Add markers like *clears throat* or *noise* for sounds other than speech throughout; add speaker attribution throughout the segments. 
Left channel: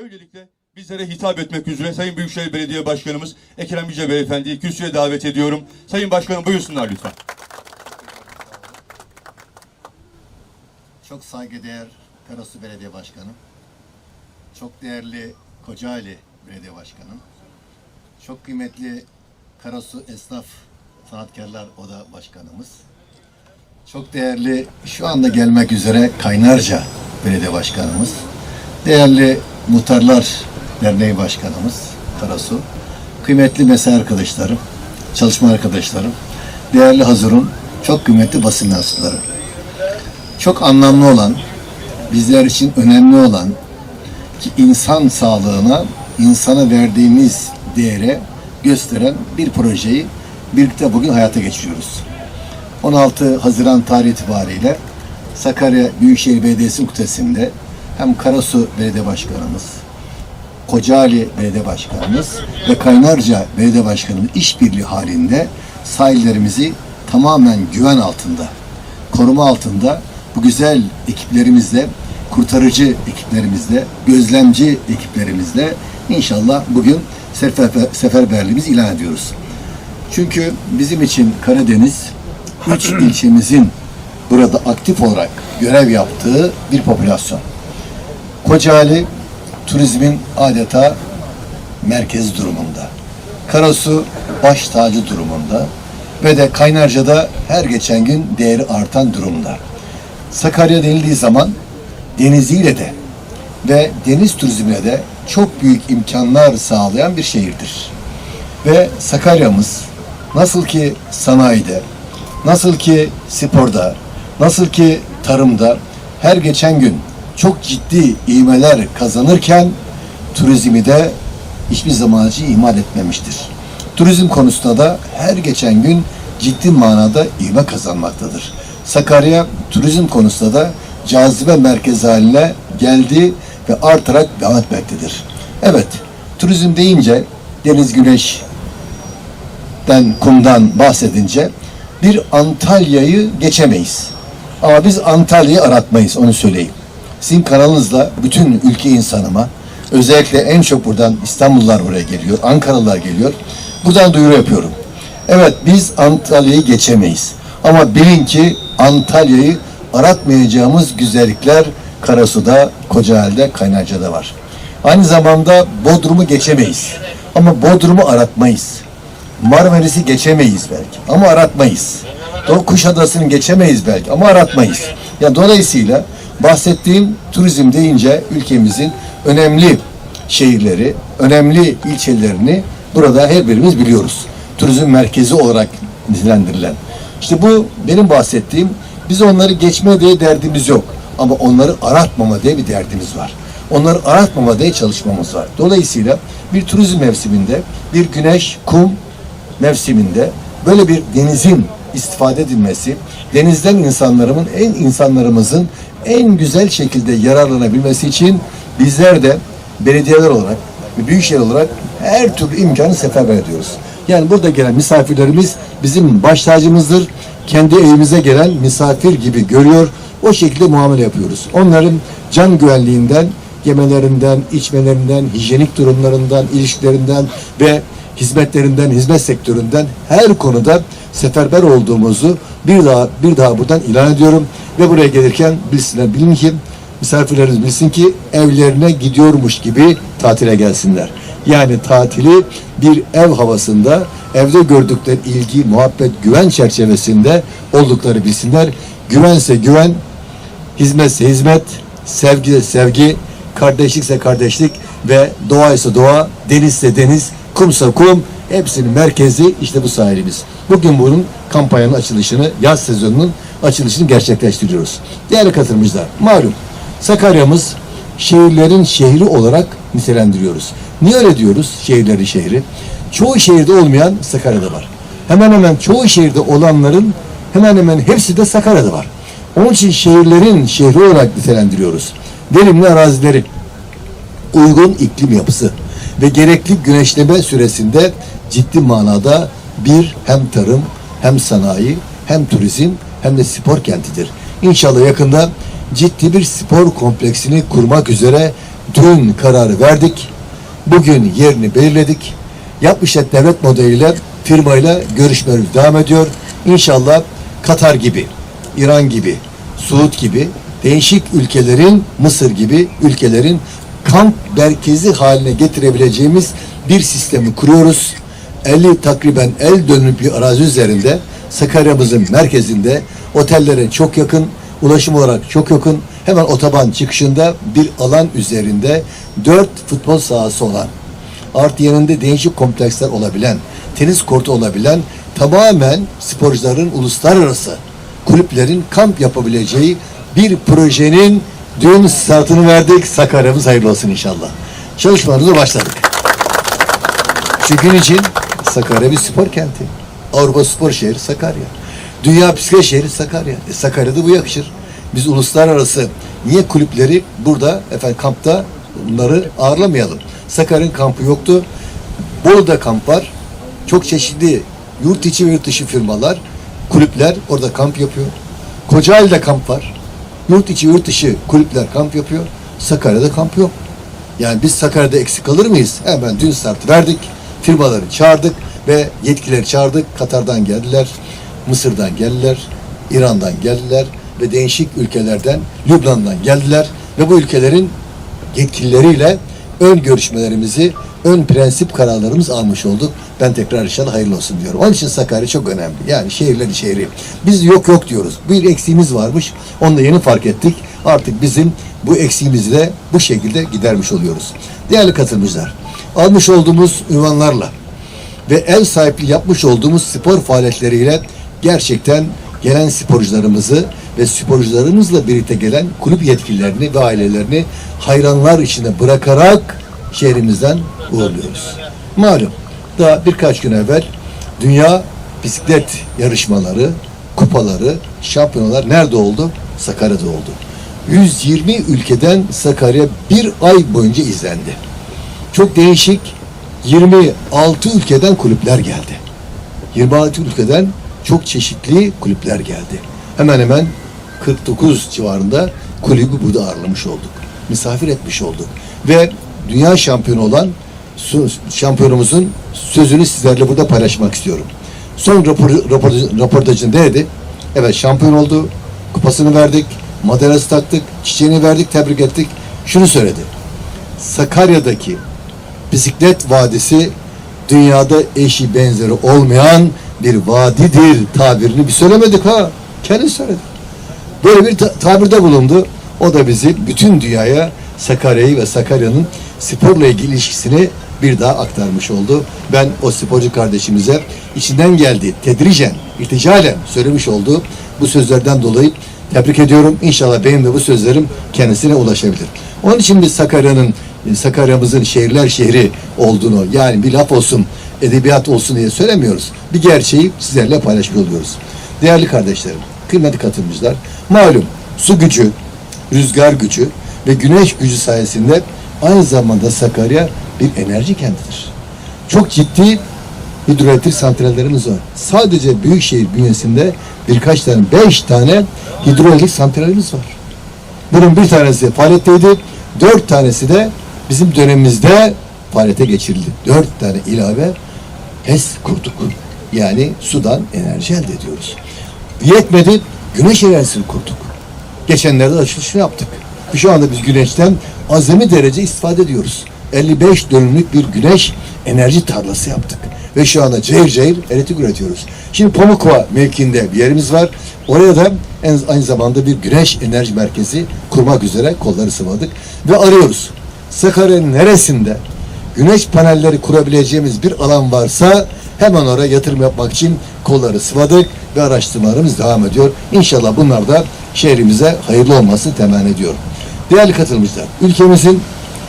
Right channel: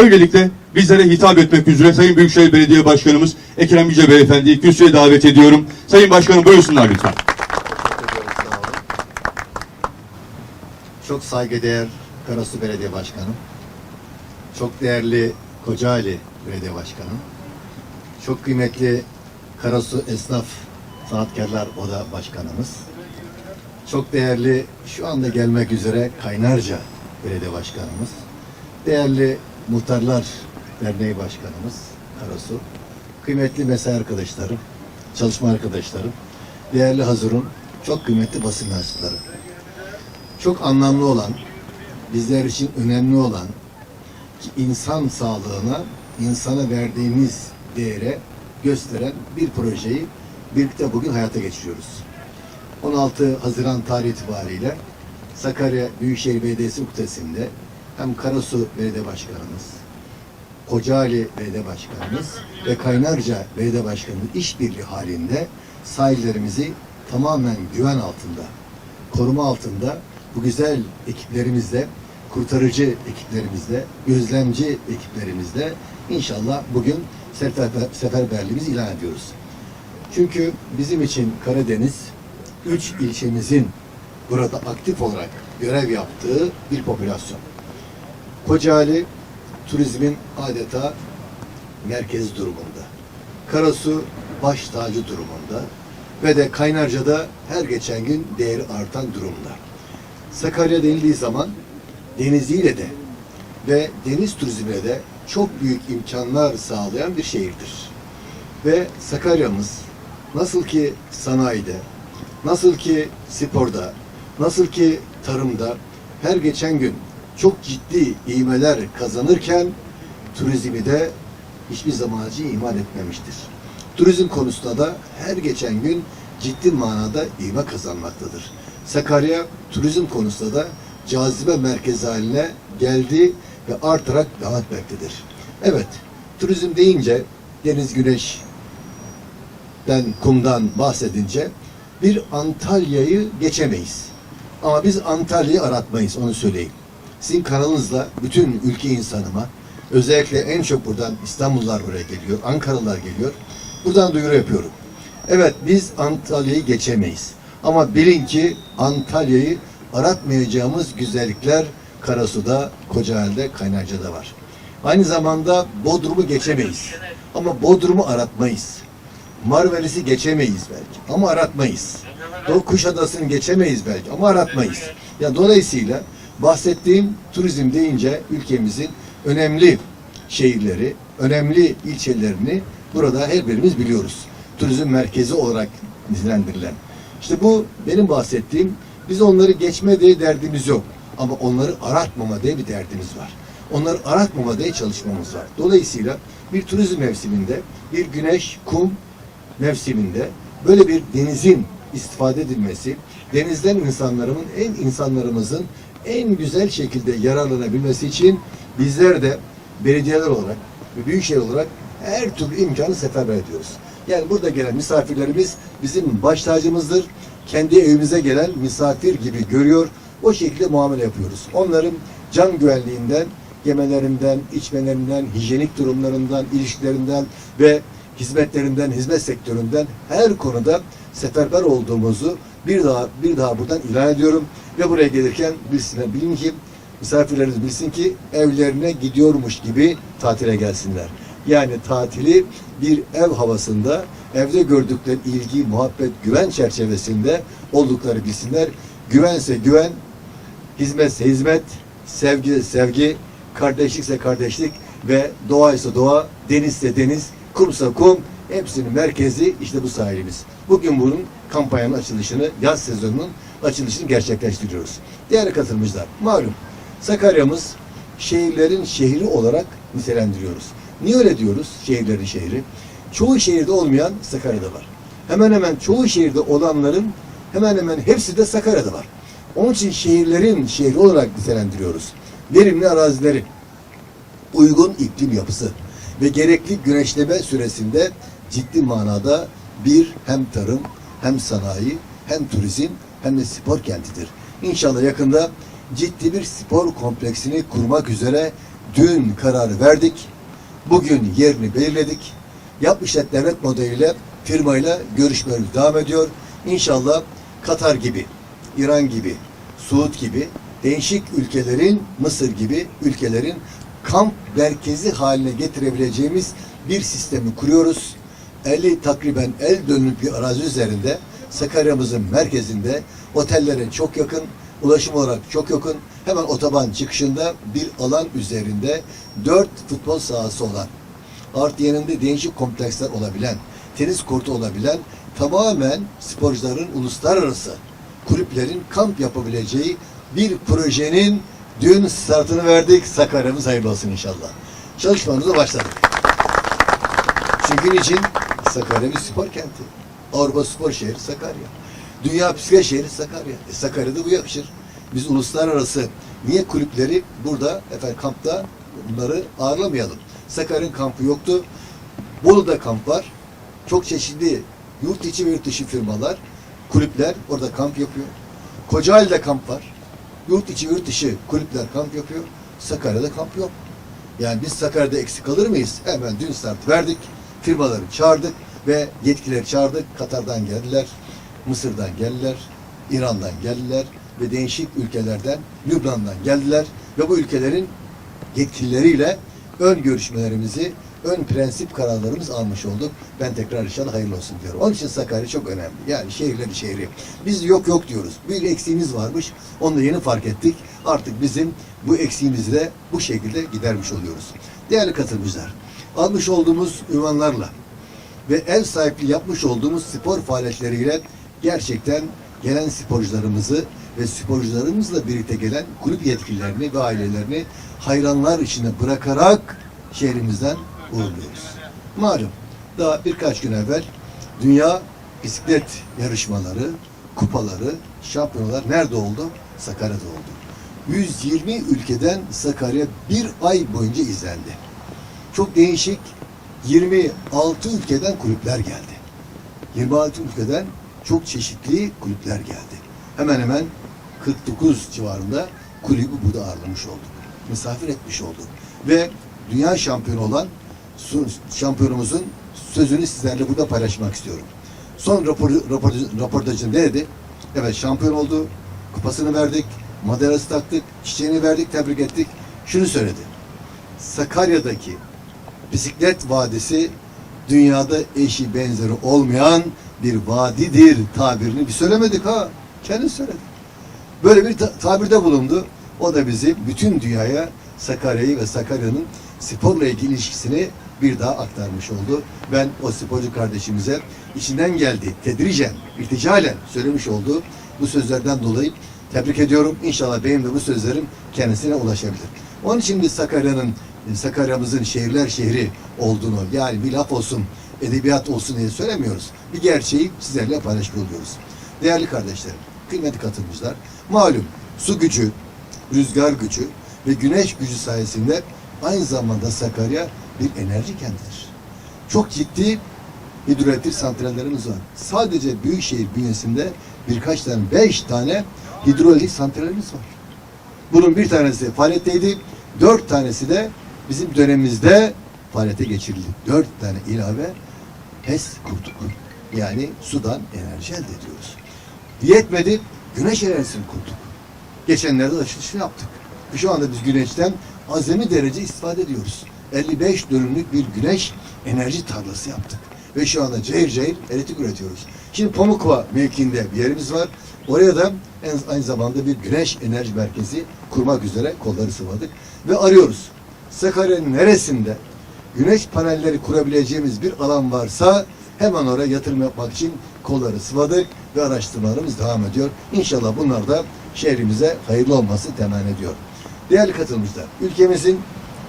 Speaker 1: Böylelikle bizlere hitap etmek üzere Sayın Büyükşehir Belediye Başkanımız Ekrem Yüce Beyefendi'yi kürsüye davet ediyorum. Sayın Başkanım buyursunlar lütfen.
Speaker 2: Çok saygıdeğer Karasu Belediye Başkanım, çok değerli Kocaeli Belediye Başkanım, çok kıymetli Karasu Esnaf Sanatkarlar Oda Başkanımız, çok değerli şu anda gelmek üzere Kaynarca Belediye Başkanımız, değerli Muhtarlar Derneği Başkanımız Karasu, kıymetli mesai arkadaşlarım, çalışma arkadaşlarım, değerli Hazır'ın çok kıymetli basın mensupları çok anlamlı olan, bizler için önemli olan ki insan sağlığına, insana verdiğimiz değere gösteren bir projeyi birlikte bugün hayata geçiriyoruz. 16 Haziran tarihi itibariyle Sakarya Büyükşehir Belediyesi Kutası'nda hem Karasu Belediye Başkanımız, Kocaeli Belediye Başkanımız ve Kaynarca Belediye Başkanımız işbirliği halinde sahillerimizi tamamen güven altında, koruma altında bu güzel ekiplerimizle, kurtarıcı ekiplerimizle, gözlemci ekiplerimizle inşallah bugün sefer, seferberliğimizi ilan ediyoruz. Çünkü bizim için Karadeniz, üç *clears throat* ilçemizin burada aktif olarak görev yaptığı bir popülasyon. Kocaeli turizmin adeta merkez durumunda. Karasu baş tacı durumunda ve de Kaynarca'da her geçen gün değeri artan durumda. Sakarya denildiği zaman deniziyle de ve deniz turizmine de çok büyük imkanlar sağlayan bir şehirdir. Ve Sakarya'mız nasıl ki sanayide, nasıl ki sporda, nasıl ki tarımda her geçen gün çok ciddi ivmeler kazanırken turizmi de hiçbir zaman için ihmal etmemiştir. Turizm konusunda da her geçen gün ciddi manada ivme kazanmaktadır. Sakarya turizm konusunda da cazibe merkezi haline geldi ve artarak devam etmektedir. Evet, turizm deyince deniz güneşten, kumdan bahsedince bir Antalya'yı geçemeyiz. Ama biz Antalya'yı aratmayız, onu söyleyeyim. Sizin kanalınızla bütün ülke insanıma, özellikle en çok buradan İstanbullular buraya geliyor, Ankaralılar geliyor. Buradan duyuru yapıyorum. Evet biz Antalya'yı geçemeyiz. Ama bilin ki Antalya'yı aratmayacağımız güzellikler Karasu'da, Kocaeli'de, Kaynarca'da var. Aynı zamanda Bodrum'u geçemeyiz. Ama Bodrum'u aratmayız. Marmaris'i geçemeyiz belki ama aratmayız. Kuşadası'nı geçemeyiz belki ama aratmayız. Ya dolayısıyla bahsettiğim turizm deyince ülkemizin önemli şehirleri, önemli ilçelerini burada her birimiz biliyoruz. Turizm merkezi olarak nitelendirilen. İşte bu benim bahsettiğim biz onları geçme diye derdimiz yok. Ama onları aratmama diye bir derdimiz var. Onları aratmama diye çalışmamız var. Dolayısıyla bir turizm mevsiminde bir güneş, kum mevsiminde böyle bir denizin istifade edilmesi, denizden insanlarımın en insanlarımızın en güzel şekilde yararlanabilmesi için bizler de belediyeler olarak büyükşehir olarak her türlü imkanı seferber ediyoruz. Yani burada gelen misafirlerimiz bizim baş tacımızdır. Kendi evimize gelen misafir gibi görüyor. O şekilde muamele yapıyoruz. Onların can güvenliğinden, yemelerinden, içmelerinden, hijyenik durumlarından, ilişkilerinden ve hizmetlerinden, hizmet sektöründen her konuda seferber olduğumuzu bir daha bir daha buradan ilan ediyorum ve buraya gelirken bilsinler, bilin ki misafirlerimiz bilsin ki evlerine gidiyormuş gibi tatile gelsinler. Yani tatili bir ev havasında, evde gördükleri ilgi, muhabbet, güven çerçevesinde oldukları bilsinler. Güvense güven, hizmetse hizmet, sevgi sevgi, kardeşlikse kardeşlik ve doğa ise doğa, denizse deniz, kumsa kum, hepsinin merkezi işte bu sahilimiz. Bugün bunun kampanyanın açılışını, yaz sezonunun açılışını gerçekleştiriyoruz. Değerli katılımcılar, malum Sakarya'mız şehirlerin şehri olarak nitelendiriyoruz. Niye öyle diyoruz şehirlerin şehri? Çoğu şehirde olmayan Sakarya'da var. Hemen hemen çoğu şehirde olanların hemen hemen hepsi de Sakarya'da var. Onun için şehirlerin şehri olarak nitelendiriyoruz. Verimli arazileri, uygun iklim yapısı ve gerekli güneşleme süresinde ciddi manada bir hem tarım hem sanayi hem turizm hem de spor kentidir. İnşallah yakında ciddi bir spor kompleksini kurmak üzere Dün kararı verdik. Bugün yerini belirledik. Yapmış devlet modeliyle firmayla görüşmelerimiz devam ediyor. İnşallah Katar gibi, İran gibi, Suud gibi değişik ülkelerin, Mısır gibi ülkelerin kamp merkezi haline getirebileceğimiz bir sistemi kuruyoruz. 50 takriben el dönümlük bir arazi üzerinde Sakarya'mızın merkezinde otellere çok yakın, ulaşım olarak çok yakın, hemen otoban çıkışında bir alan üzerinde dört futbol sahası olan, artı yanında değişik kompleksler olabilen, tenis kortu olabilen, tamamen sporcuların uluslararası kulüplerin kamp yapabileceği bir projenin dün startını verdik. Sakarya'mız hayırlı olsun inşallah. Çalışmalarımıza başladık. Şu gün için Sakarya bir spor kenti. Avrupa spor şehri Sakarya. Dünya bisiklet şehri Sakarya. E, Sakarya'da bu yakışır. Biz uluslararası niye kulüpleri burada efendim kampta bunları ağırlamayalım. Sakarya'nın kampı yoktu. Bolu'da kamp var. Çok çeşitli yurt içi ve yurt dışı firmalar, kulüpler orada kamp yapıyor. Kocaeli'de kamp var. Yurt içi yurt dışı kulüpler kamp yapıyor. Sakarya'da kamp yok. Yani biz Sakarya'da eksik kalır mıyız? Hemen dün start verdik. Firmaları çağırdık ve yetkileri çağırdık. Katar'dan geldiler, Mısır'dan geldiler, İran'dan geldiler ve değişik ülkelerden, Lübnan'dan geldiler ve bu ülkelerin yetkilileriyle ön görüşmelerimizi, ön prensip kararlarımızı almış olduk. Ben tekrar inşallah hayırlı olsun diyorum. Onun için Sakarya çok önemli. Yani şehirleri şehri. Biz yok yok diyoruz. Bir eksiğimiz varmış. Onu da yeni fark ettik. Artık bizim bu eksiğimizi de bu şekilde gidermiş oluyoruz. Değerli katılımcılar, almış olduğumuz ünvanlarla ve ev sahipliği yapmış olduğumuz spor faaliyetleriyle gerçekten gelen sporcularımızı ve sporcularımızla birlikte gelen kulüp yetkililerini ve ailelerini hayranlar içinde bırakarak şehrimizden uğurluyoruz. Malum daha birkaç gün evvel dünya bisiklet yarışmaları, kupaları, şampiyonalar nerede oldu? Sakarya'da oldu. 120 ülkeden Sakarya bir ay boyunca izlendi. Çok değişik 26 ülkeden kulüpler geldi. 26 ülkeden çok çeşitli kulüpler geldi. Hemen hemen 49 civarında kulübü burada ağırlamış olduk. Misafir etmiş olduk. Ve dünya şampiyonu olan şampiyonumuzun sözünü sizlerle burada paylaşmak istiyorum. Son rapor, rapor, röportajında dedi. Evet şampiyon oldu. Kupasını verdik. Madalyası taktık. Çiçeğini verdik. Tebrik ettik. Şunu söyledi. Sakarya'daki bisiklet vadisi dünyada eşi benzeri olmayan bir vadidir tabirini bir söylemedik ha. Kendi söyledi. Böyle bir ta- tabirde bulundu. O da bizi bütün dünyaya Sakarya'yı ve Sakarya'nın sporla ilgili ilişkisini bir daha aktarmış oldu. Ben o sporcu kardeşimize içinden geldi, tedricen, irticalen söylemiş olduğu bu sözlerden dolayı tebrik ediyorum. İnşallah benim de bu sözlerim kendisine ulaşabilir. Onun için biz Sakarya'nın, Sakarya'mızın şehirler şehri olduğunu yani bir laf olsun, edebiyat olsun diye söylemiyoruz. Bir gerçeği sizlerle paylaşmış oluyoruz. Değerli kardeşlerim, kıymetli katılımcılar, malum su gücü, rüzgar gücü ve güneş gücü sayesinde aynı zamanda Sakarya bir enerji kentidir. Çok ciddi hidroelektrik santrallerimiz var. Sadece Büyükşehir bünyesinde birkaç tane, beş tane hidroelektrik santralimiz var. Bunun bir tanesi faaliyetteydi, dört tanesi de bizim dönemimizde faaliyete geçirildi. Dört tane ilave HES kurduk. Yani sudan enerji elde ediyoruz. Yetmedi, güneş enerjisini kurduk. Geçenlerde açılışını yaptık. Şu anda biz güneşten azami derece istifade ediyoruz. 55 dönümlük bir güneş enerji tarlası yaptık. Ve şu anda cayır cayır elektrik üretiyoruz. Şimdi Pamukova mevkiinde bir yerimiz var. Oraya da en, aynı zamanda bir güneş enerji merkezi kurmak üzere kolları sıvadık. Ve arıyoruz. Sakarya'nın neresinde güneş panelleri kurabileceğimiz bir alan varsa hemen oraya yatırım yapmak için kolları sıvadık ve araştırmalarımız devam ediyor. İnşallah bunlar da şehrimize hayırlı olması temenni ediyorum. Değerli katılımcılar, ülkemizin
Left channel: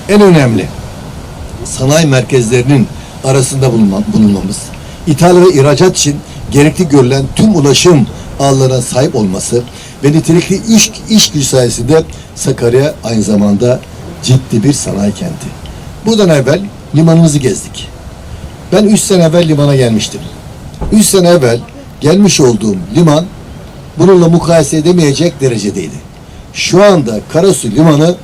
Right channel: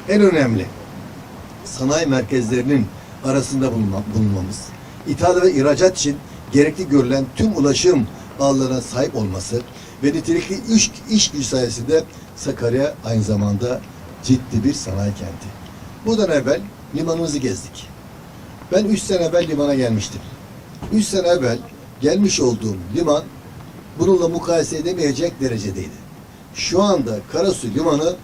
Speaker 2: en önemli sanayi merkezlerinin arasında bulunma- bulunmamız, ithal ve ihracat için gerekli görülen tüm ulaşım ağlarına sahip olması ve nitelikli iş, iş gücü sayesinde Sakarya aynı zamanda ciddi bir sanayi kenti. Buradan evvel limanımızı gezdik. Ben üç sene evvel limana gelmiştim. Üç sene evvel gelmiş olduğum liman bununla mukayese edemeyecek derecedeydi. Şu anda Karasu Limanı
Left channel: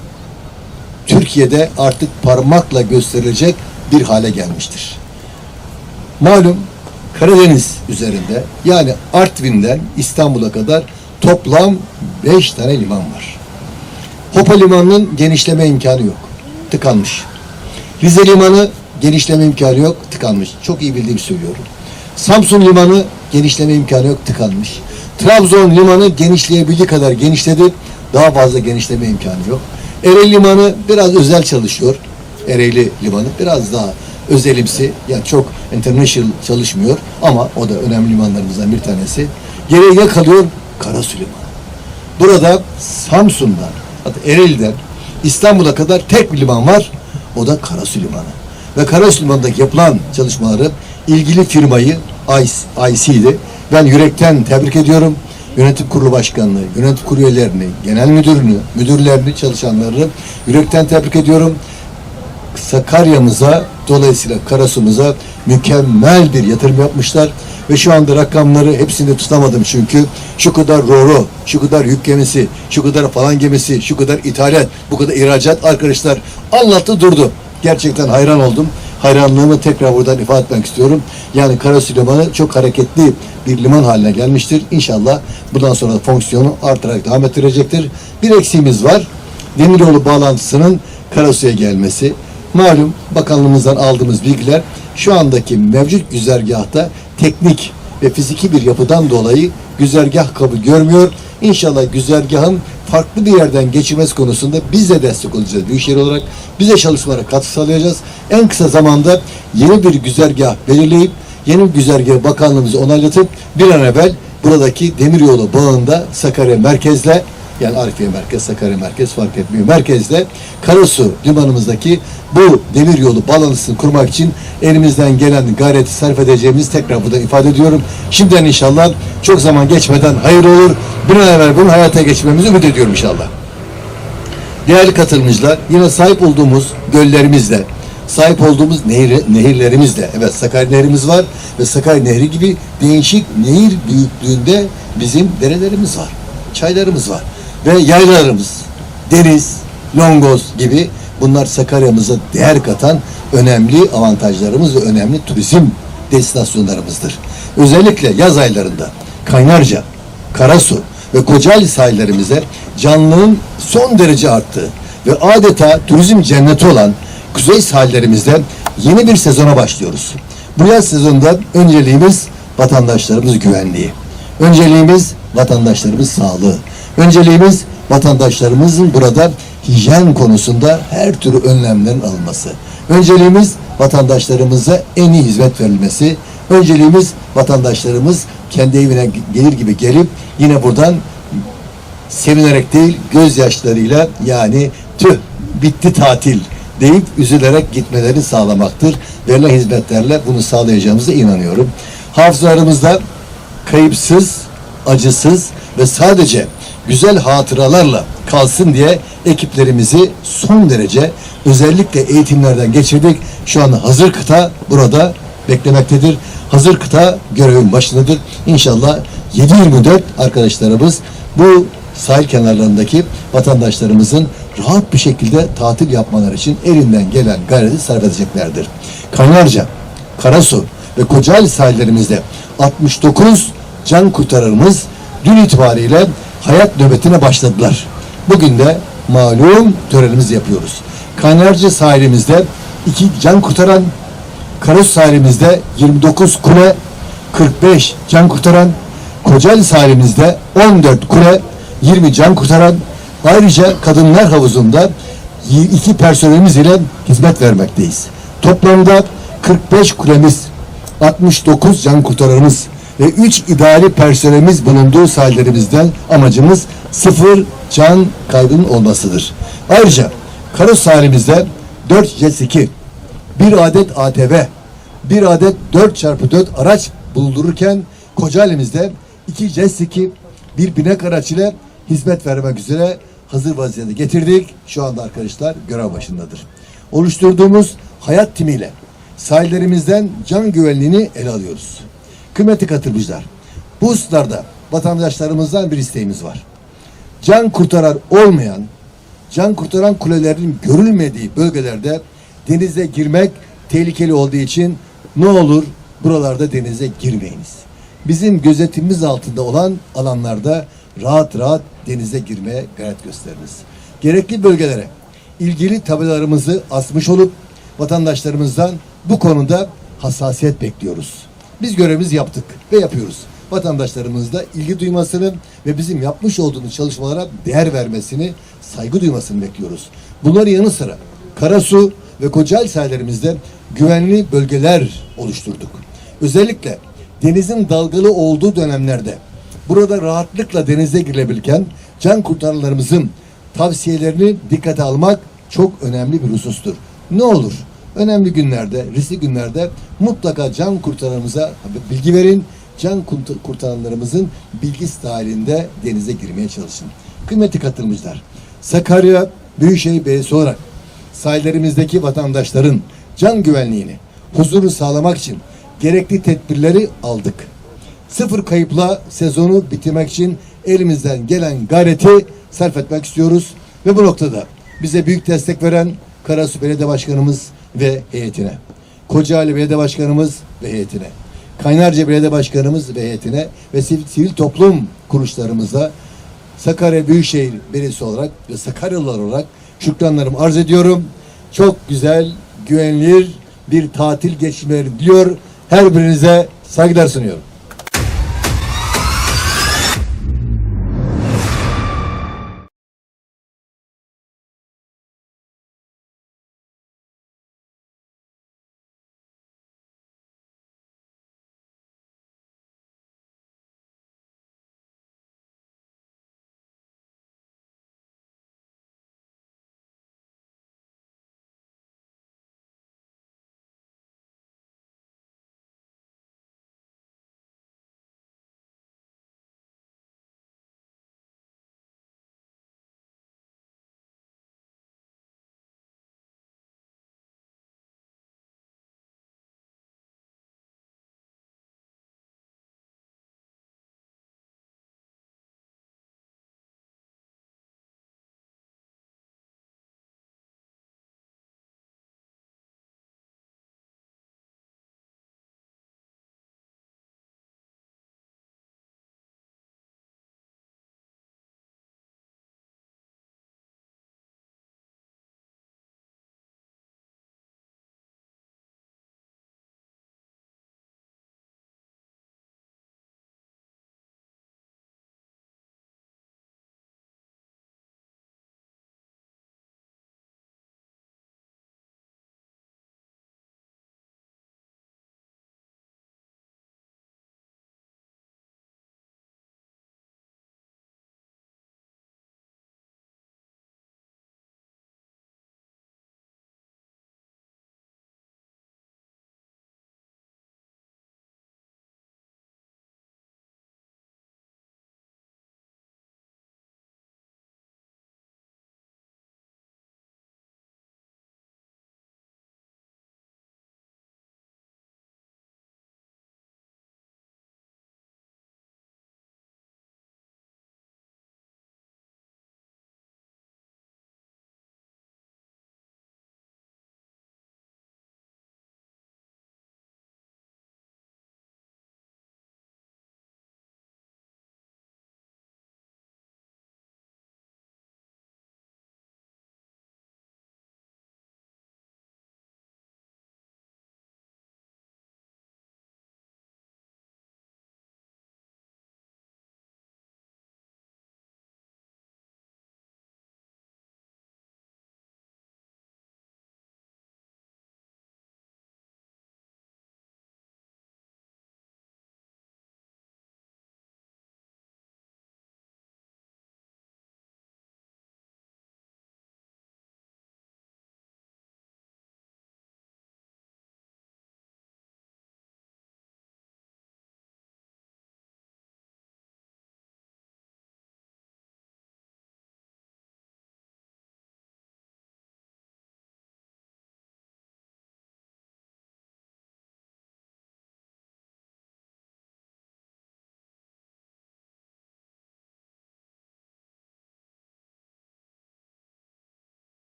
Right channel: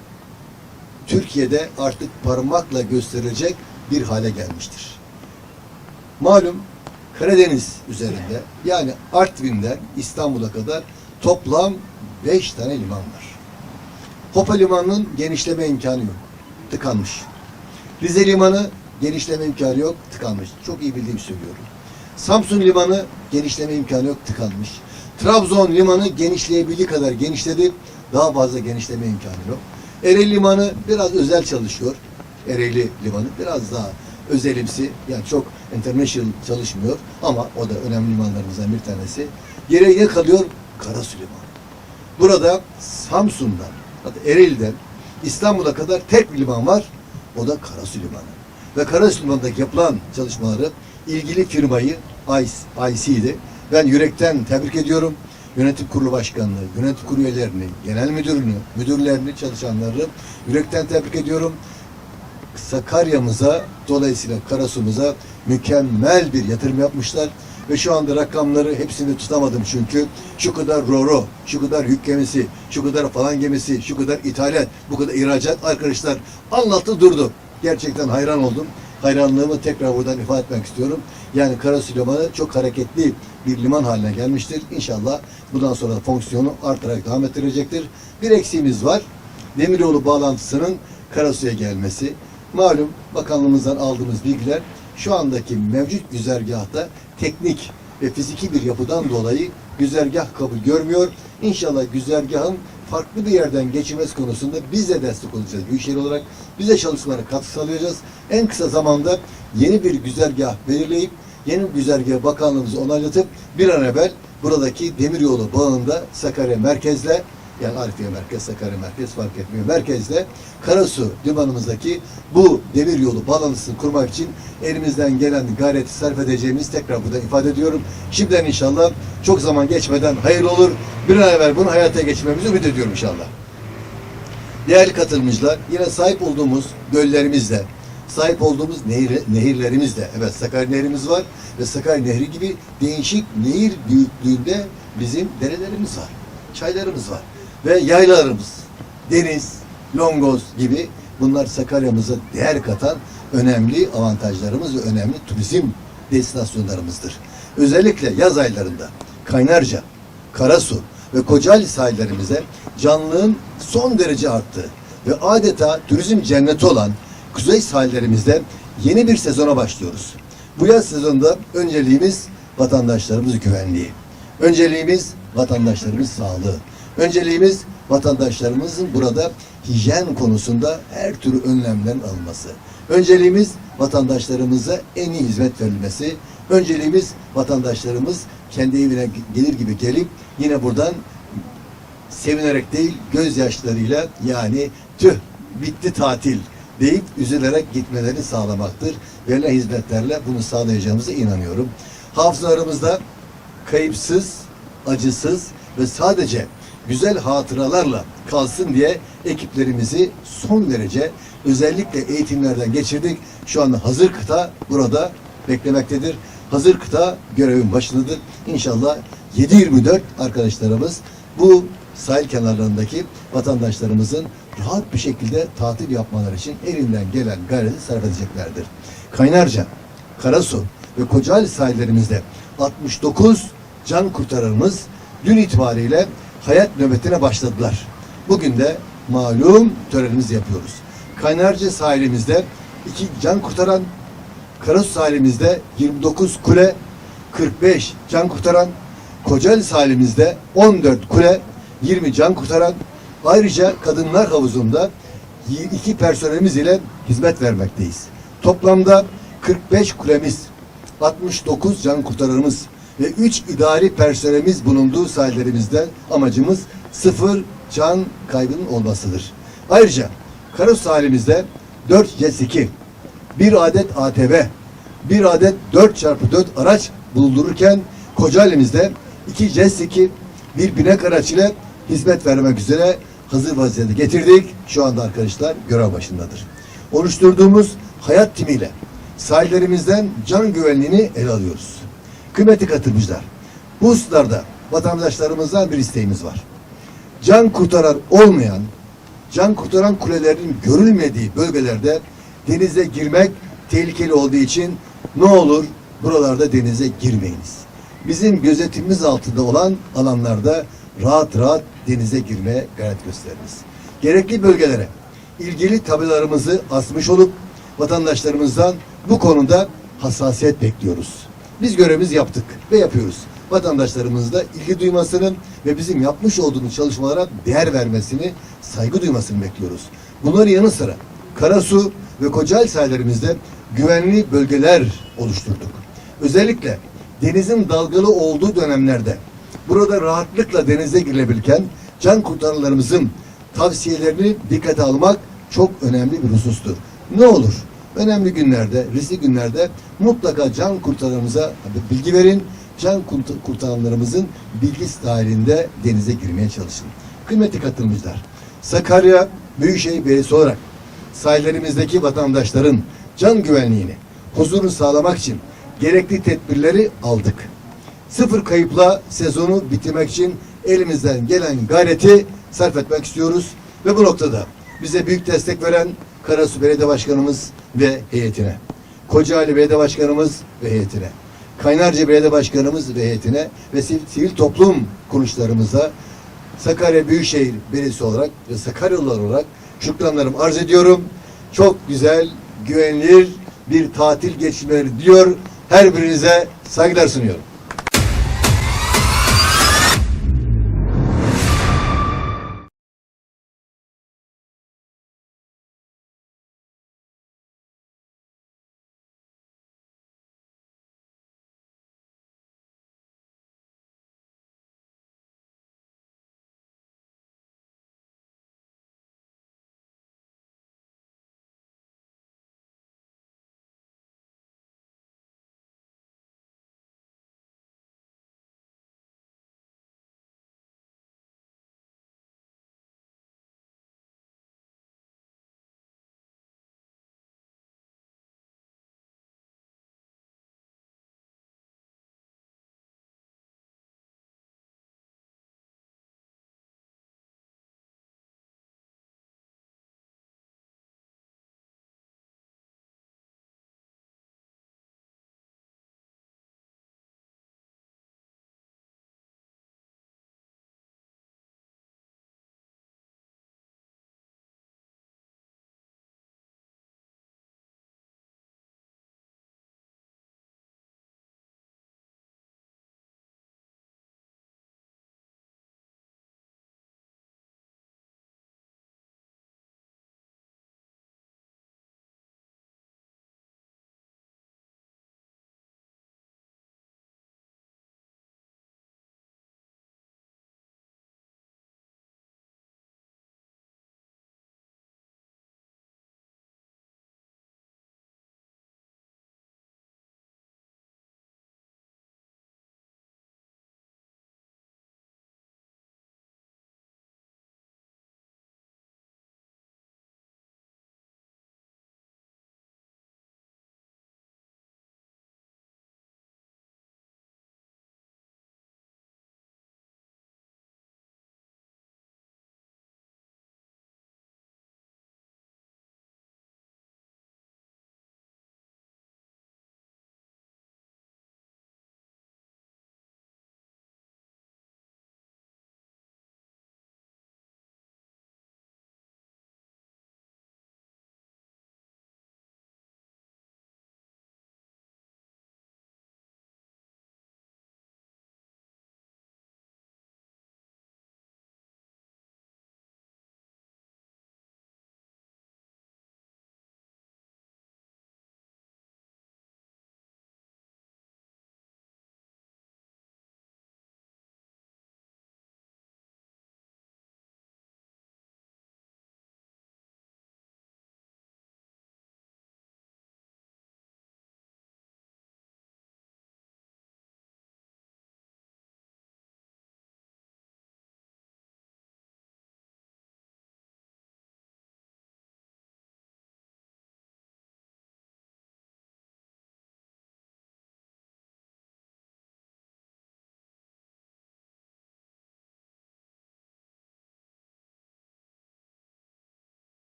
Speaker 2: Türkiye'de artık parmakla gösterilecek bir hale gelmiştir. Malum Karadeniz üzerinde yani Artvin'den İstanbul'a kadar toplam 5 tane liman var. Hopa Limanı'nın genişleme imkanı yok. Tıkanmış. Rize Limanı genişleme imkanı yok. Tıkanmış. Çok iyi bildiğimi söylüyorum. Samsun Limanı genişleme imkanı yok. Tıkanmış. Trabzon Limanı genişleyebildiği kadar genişledi. Daha fazla genişleme imkanı yok. Ereğli Limanı biraz özel çalışıyor. Ereğli Limanı biraz daha özelimsi. Yani çok international çalışmıyor. Ama o da önemli limanlarımızdan bir tanesi. Geriye kalıyor? Karasu Limanı. Burada Samsun'dan, hatta Ereğli'den İstanbul'a kadar tek bir liman var. O da Karasu Limanı. Ve Karasu Limanı'ndaki yapılan çalışmaları ilgili firmayı IC'di. Ben yürekten tebrik ediyorum. Yönetim kurulu başkanlığı, yönetim kurulu genel müdürünü, müdürlerini, çalışanlarını yürekten tebrik ediyorum. Sakarya'mıza dolayısıyla Karasu'muza mükemmel bir yatırım yapmışlar ve şu anda rakamları hepsini tutamadım çünkü şu kadar roro, şu kadar yük gemisi, şu kadar falan gemisi, şu kadar ithalat, bu kadar ihracat arkadaşlar anlattı durdu. Gerçekten hayran oldum. Hayranlığımı tekrar buradan ifade etmek istiyorum. Yani Karasu Limanı çok hareketli bir liman haline gelmiştir. İnşallah bundan sonra da fonksiyonu artarak devam ettirecektir. Bir eksiğimiz var. Demiryolu bağlantısının Karasu'ya gelmesi. Malum bakanlığımızdan aldığımız bilgiler şu andaki mevcut güzergahta teknik ve fiziki bir yapıdan dolayı güzergah kabul görmüyor. İnşallah güzergahın farklı bir yerden geçirmesi konusunda biz de destek olacağız Büyükşehir olarak. Biz de çalışmalara katkı sağlayacağız. En kısa zamanda yeni bir güzergah belirleyip yeni bir güzergahı bakanlığımıza onaylatıp bir an evvel buradaki demiryolu bağında Sakarya merkezle yani Arifiye Merkez, Sakarya Merkez fark etmiyor. Merkezde Karasu limanımızdaki bu demir yolu bağlantısını kurmak için elimizden gelen gayreti sarf edeceğimizi tekrar burada ifade ediyorum. Şimdiden inşallah çok zaman geçmeden hayır olur. Bir an evvel bunu hayata geçirmemizi ümit ediyorum inşallah. Değerli katılımcılar, yine sahip olduğumuz göllerimizle, sahip olduğumuz nehir, nehirlerimizle, evet Sakarya Nehrimiz var ve Sakarya Nehri gibi değişik nehir büyüklüğünde bizim derelerimiz var, çaylarımız var ve yaylalarımız, deniz, longoz gibi bunlar Sakarya'mıza değer katan önemli avantajlarımız ve önemli turizm destinasyonlarımızdır. Özellikle yaz aylarında Kaynarca, Karasu ve Kocaeli sahillerimize canlılığın son derece arttığı ve adeta turizm cenneti olan kuzey sahillerimizde yeni bir sezona başlıyoruz. Bu yaz sezonunda önceliğimiz vatandaşlarımız güvenliği. Önceliğimiz vatandaşlarımız sağlığı. Önceliğimiz vatandaşlarımızın burada hijyen konusunda her türlü önlemlerin alınması. Önceliğimiz vatandaşlarımıza en iyi hizmet verilmesi. Önceliğimiz vatandaşlarımız kendi evine gelir gibi gelip yine buradan sevinerek değil gözyaşlarıyla yani tüh bitti tatil deyip üzülerek gitmelerini sağlamaktır. Verilen hizmetlerle bunu sağlayacağımıza inanıyorum. Hafızalarımızda kayıpsız, acısız ve sadece güzel hatıralarla kalsın diye ekiplerimizi son derece özellikle eğitimlerden geçirdik. Şu an hazır kıta burada beklemektedir. Hazır kıta görevin başındadır. İnşallah 7-24 arkadaşlarımız bu sahil kenarlarındaki vatandaşlarımızın rahat bir şekilde tatil yapmaları için elinden gelen gayreti sarf edeceklerdir. Kaynarca, Karasu ve Kocaeli sahillerimizde 69 can kurtarırımız dün itibariyle hayat nöbetine başladılar. Bugün de malum törenimizi yapıyoruz. Kaynarca sahilimizde iki can kurtaran, Karasu sahilimizde 29 kule, 45 can kurtaran, Kocaeli sahilimizde 14 kule, 20 can kurtaran, ayrıca kadınlar havuzunda iki personelimiz ile hizmet vermekteyiz. Toplamda 45 kulemiz, 69 can kurtaranımız ve 3 idari personelimiz bulunduğu sahillerimizden amacımız sıfır can kaybının olmasıdır. Ayrıca Karasu sahilimizde 4 jet ski, bir adet ATV, bir adet 4x4 araç bulundururken Kocaeli'mizde iki jet ski, bir binek araç ile hizmet vermek üzere hazır vaziyete getirdik. Şu anda arkadaşlar görev başındadır. Oluşturduğumuz hayat timiyle sahillerimizden can güvenliğini ele alıyoruz. Kıymetli katılımcılar, bu hususlarda vatandaşlarımızdan bir isteğimiz var. Can kurtaran olmayan can kurtaran kulelerin görülmediği bölgelerde denize girmek tehlikeli olduğu için ne olur buralarda denize girmeyiniz. Bizim gözetimimiz altında olan alanlarda rahat rahat denize girmeye gayret gösteriniz. Gerekli bölgelere ilgili tabelalarımızı asmış olup vatandaşlarımızdan bu konuda hassasiyet bekliyoruz. Biz görevimizi yaptık ve yapıyoruz. Vatandaşlarımız da ilgi duymasını ve bizim yapmış olduğumuz çalışmalara değer vermesini, saygı duymasını bekliyoruz. Bunların yanı sıra Karasu ve Kocaeli sahillerimizde güvenli bölgeler oluşturduk. Özellikle denizin dalgalı olduğu dönemlerde burada rahatlıkla denize girilebilirken can kurtaranlarımızın tavsiyelerini dikkate almak çok önemli bir husustur. Ne olur? Önemli günlerde, riskli günlerde mutlaka can kurtaranlarımıza bilgi verin. Can kurt- kurtaranlarımızın bilgisi dahilinde denize girmeye çalışın. Kıymetli katılımcılar, Sakarya Büyükşehir Belediyesi olarak sahillerimizdeki vatandaşların can güvenliğini, huzuru sağlamak için gerekli tedbirleri aldık. Sıfır kayıpla sezonu bitirmek için elimizden gelen gayreti sarf etmek istiyoruz. Ve bu noktada bize büyük destek veren Karasu Belediye Başkanımız ve heyetine, Kocaeli Belediye Başkanımız ve heyetine, Kaynarca Belediye Başkanımız ve heyetine ve sivil, toplum kuruluşlarımıza Sakarya Büyükşehir Belediyesi olarak ve Sakaryalılar olarak şükranlarımı arz ediyorum. Çok güzel, güvenilir bir tatil geçirmeleri diliyor. Her birinize saygılar sunuyorum.